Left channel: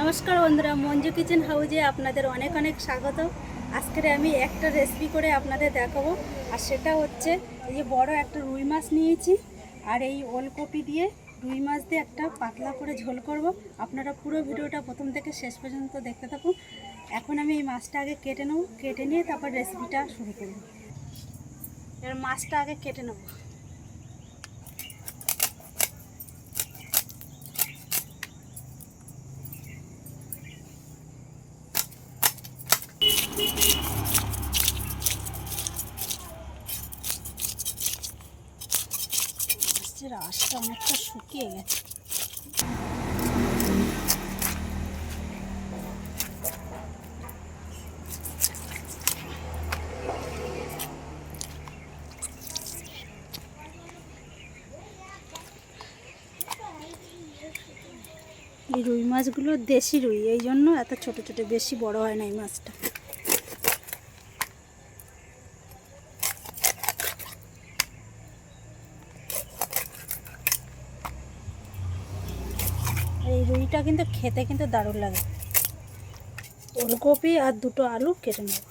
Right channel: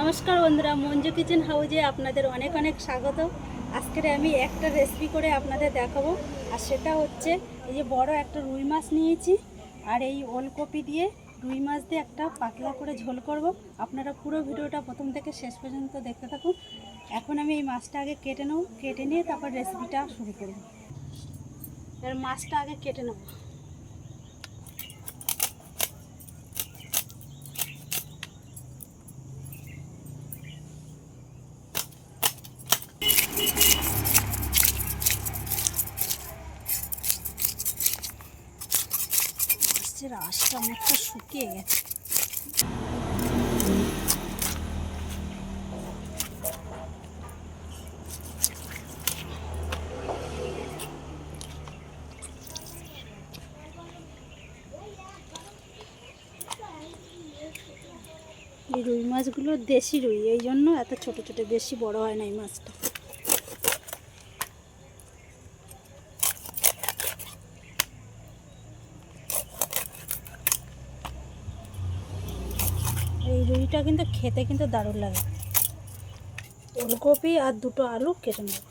নমস্কার বন্ধুরা, মঞ্জু কিচেন হাউজে আপনাদের অনেক অনেক স্বাগত। আজকে আমি একটা রেসিপি করে আপনাদের দেখাবো, আর সেটা হচ্ছে এই যে বড় একটা রুই মাছ নিয়েছি, আর এই ওলকপি দিয়ে রুই মাছ দিয়ে একটা পাতলা করে ঝোল করব। আপনারা পুরো ভিডিওটা প্রথম থেকে শেষ পর্যন্ত দেখতে থাকুন। এখন আমি এই মাছটা আগে কেটে নেব, কেটে নিয়ে তারপর রেসিপিটা শুরু করব। এবার মাছটা আগে কেটে নেব। মাছের আঁশটা অনেকটা শুকিয়ে গেছে। এই রুই মাছগুলো দেশি রুই, এই জন্য এত ছোট ছোট, বেশি বড় হয় না এই মাছটা। এই রুইটা কিন্তু খেতে কিন্তু দারুণ লাগে। ওলকপি আর দুটো আলু কেটে নেব।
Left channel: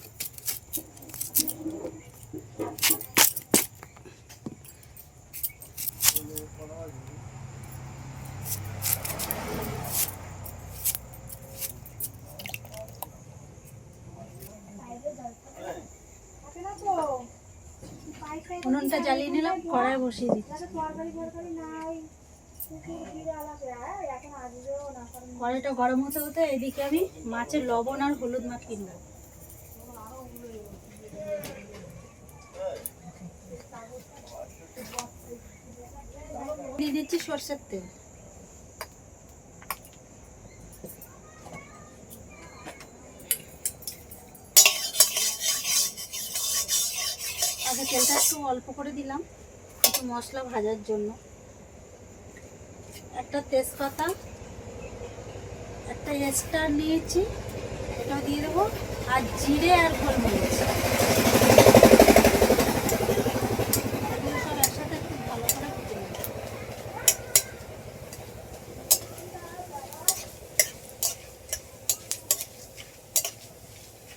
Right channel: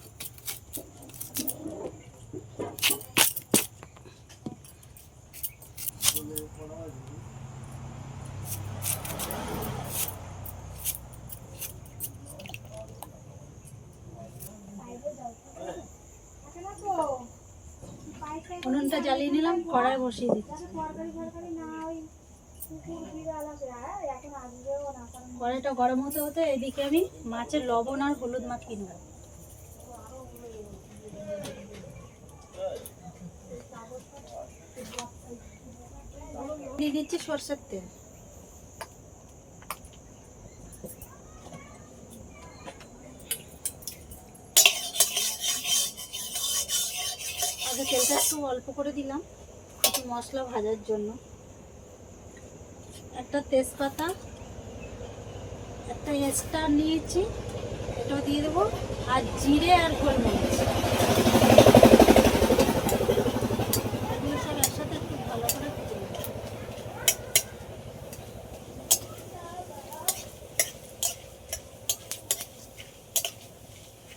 উনুনটা জ্বালিয়ে নিলাম, কড়াই বসিয়ে দিচ্ছি। কড়াইটা গরম হতে হতে এদিকে আমি মাছের লবণ আর হলুদ মাখিয়ে নেব। দিয়ে দিচ্ছি সরষের তেল। আগে তেলটা একটু অল্প করে দিলাম, একটু মশলা ভাজার জন্য। একটা তেজপাতা, একটা স্টার নিয়েছি, এটাও দিয়ে দেবো, আর জিরে আর গোলমরিচ, এগুলো সব একসাথে একটু ভালো করে ভেজে নেব।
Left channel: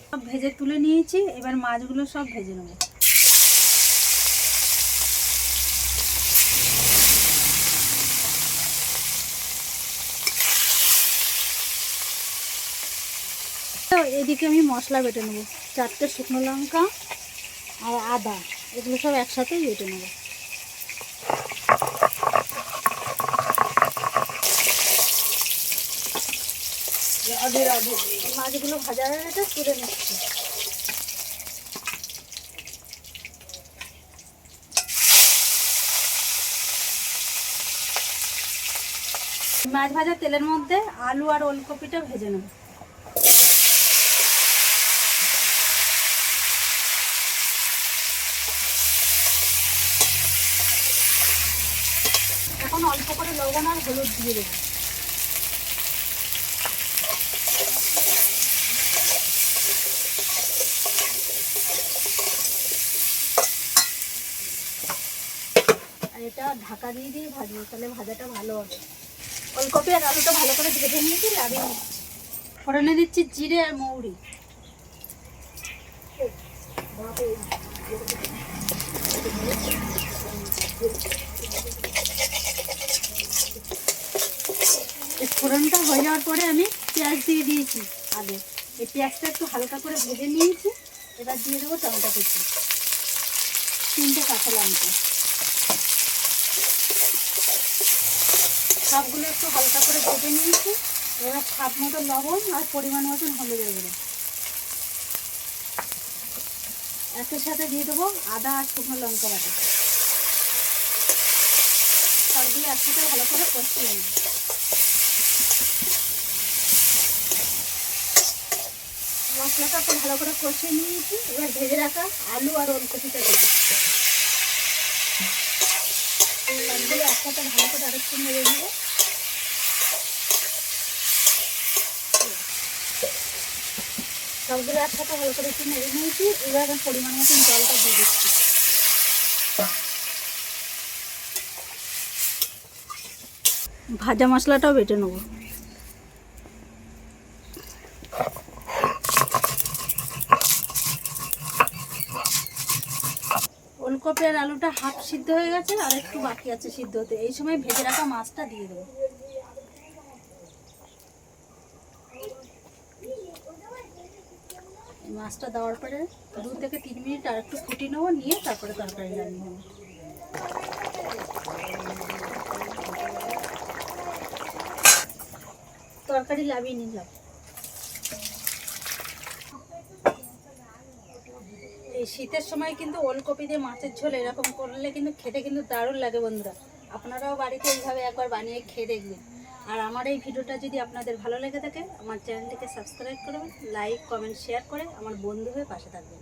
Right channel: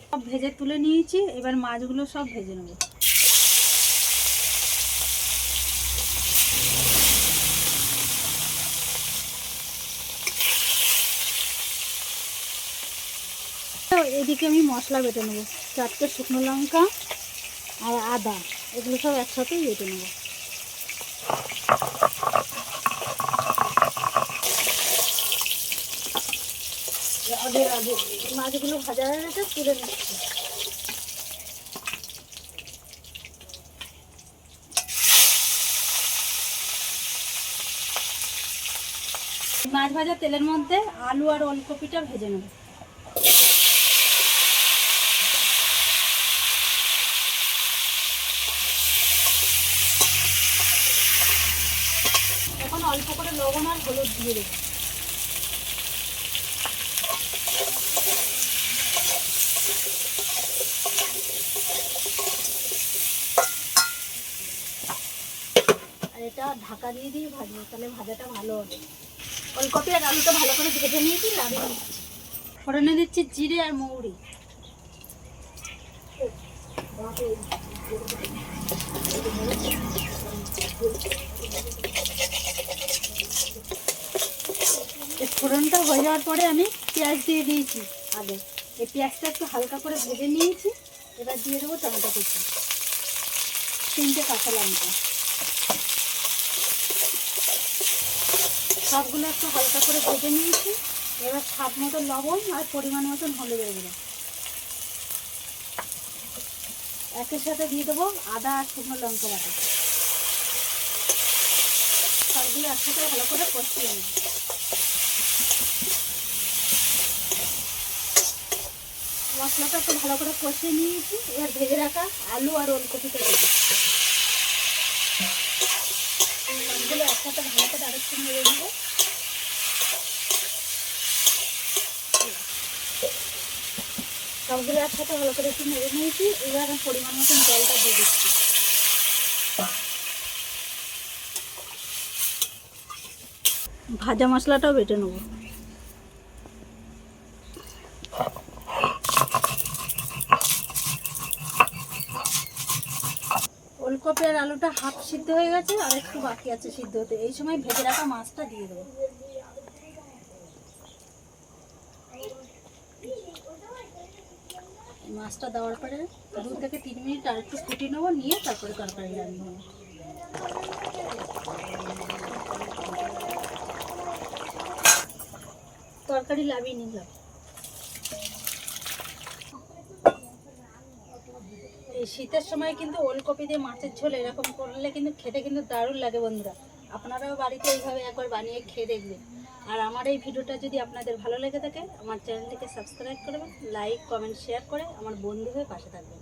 সব ভেজে তুলে নিয়েছি, এবার মাছগুলো সব ভেজে নেব। এদিকে আমি মশলা বেটে নেবো, 4টে শুকনো লঙ্কা আর আদা, এগুলো সব একসাথেই বেটে নেব। মাছগুলো ভাজা হয়ে গেছে, তুলে নিচ্ছি। মাছ ভাজা তেলের মধ্যে আলু আর ওলকপিটা ভেজে নেব। এখন অল্প করে লবণ আর হলুদ দিয়ে দেবো। আর এটা ঢাকা দিয়ে দিয়ে ভাজবো, তাহলে ভাজাটা ভালো হবে। ওলকপি আর আলুটা ভালো করে ভেজে নিয়েছি, লাগিয়ে নিচ্ছি। ফোড়নে দিচ্ছি জিরে আর মৌরি। ফোড়নটা হয়ে যাওয়ার পরে আমি পেঁয়াজ দিয়ে দিয়েছি আগে। এই পেঁয়াজটা একটু হালকা করে ভেজে নিয়েছি, এবার দিয়ে দেবো টমেটো কুচি, 3টে কাঁচা লঙ্কা। সবগুলো একটু হালকা করে ভেজে নিয়েছি, এবার স্বাদ মতো লবণ আর পরিমাণ মতন হলুদ দেবো। একের সাথে দিয়ে দেবো আদা আর শুকনো লঙ্কা বাটা। সবগুলো একসাথে ভালো করে কষিয়ে নেব। মশলাটা একটু ভালো করে কষিয়ে নিয়েছি, এবার ভেজে রাখা আলু আর ওলকপিটা দেবো। সবগুলো একসাথে ভালো করে আরেকটু নেড়ে নেবো। সবগুলো একসাথে ভালো করে একটু নেড়ে নিয়েছি, এবার পরিমাণ মতন জলটা দিয়ে দিচ্ছি। ভাজা মশলাটাও বেটে নেব। ওলকপি আর আলুটা হাফ সিদ্ধ হয়ে গেছে, আর একটু বাকি আছে সিদ্ধ হতে। এই সময় ভেজে রাখা মাছটা দিয়ে দেবো। মাছটা দেওয়ার পরে 2 থেকে 3 মিনিট আর একটু ফুটিয়ে নেবো, নিয়ে তারপরে তরকারি লাগিয়ে নেবো। তরকারি লাভিয়ে নিলাম। এই শীতের সময় কিন্তু ওলকপি দিয়ে মাছের ঝোল এরকম করলে কিন্তু খেতে কিন্তু দারুণ লাগে বন্ধুরা। আপনারাও বাড়িতে এইভাবে একবার বানিয়ে খেয়ে দেখবেন। আর আমার এই ভিডিওটা যদি আপনাদের ভালো লেগে থাকে, আমার চ্যানেলটিকে সাবস্ক্রাইব করবেন, লাইক কমেন্ট শেয়ার করে আমার বন্ধু হয়ে পাশে থাকবেন।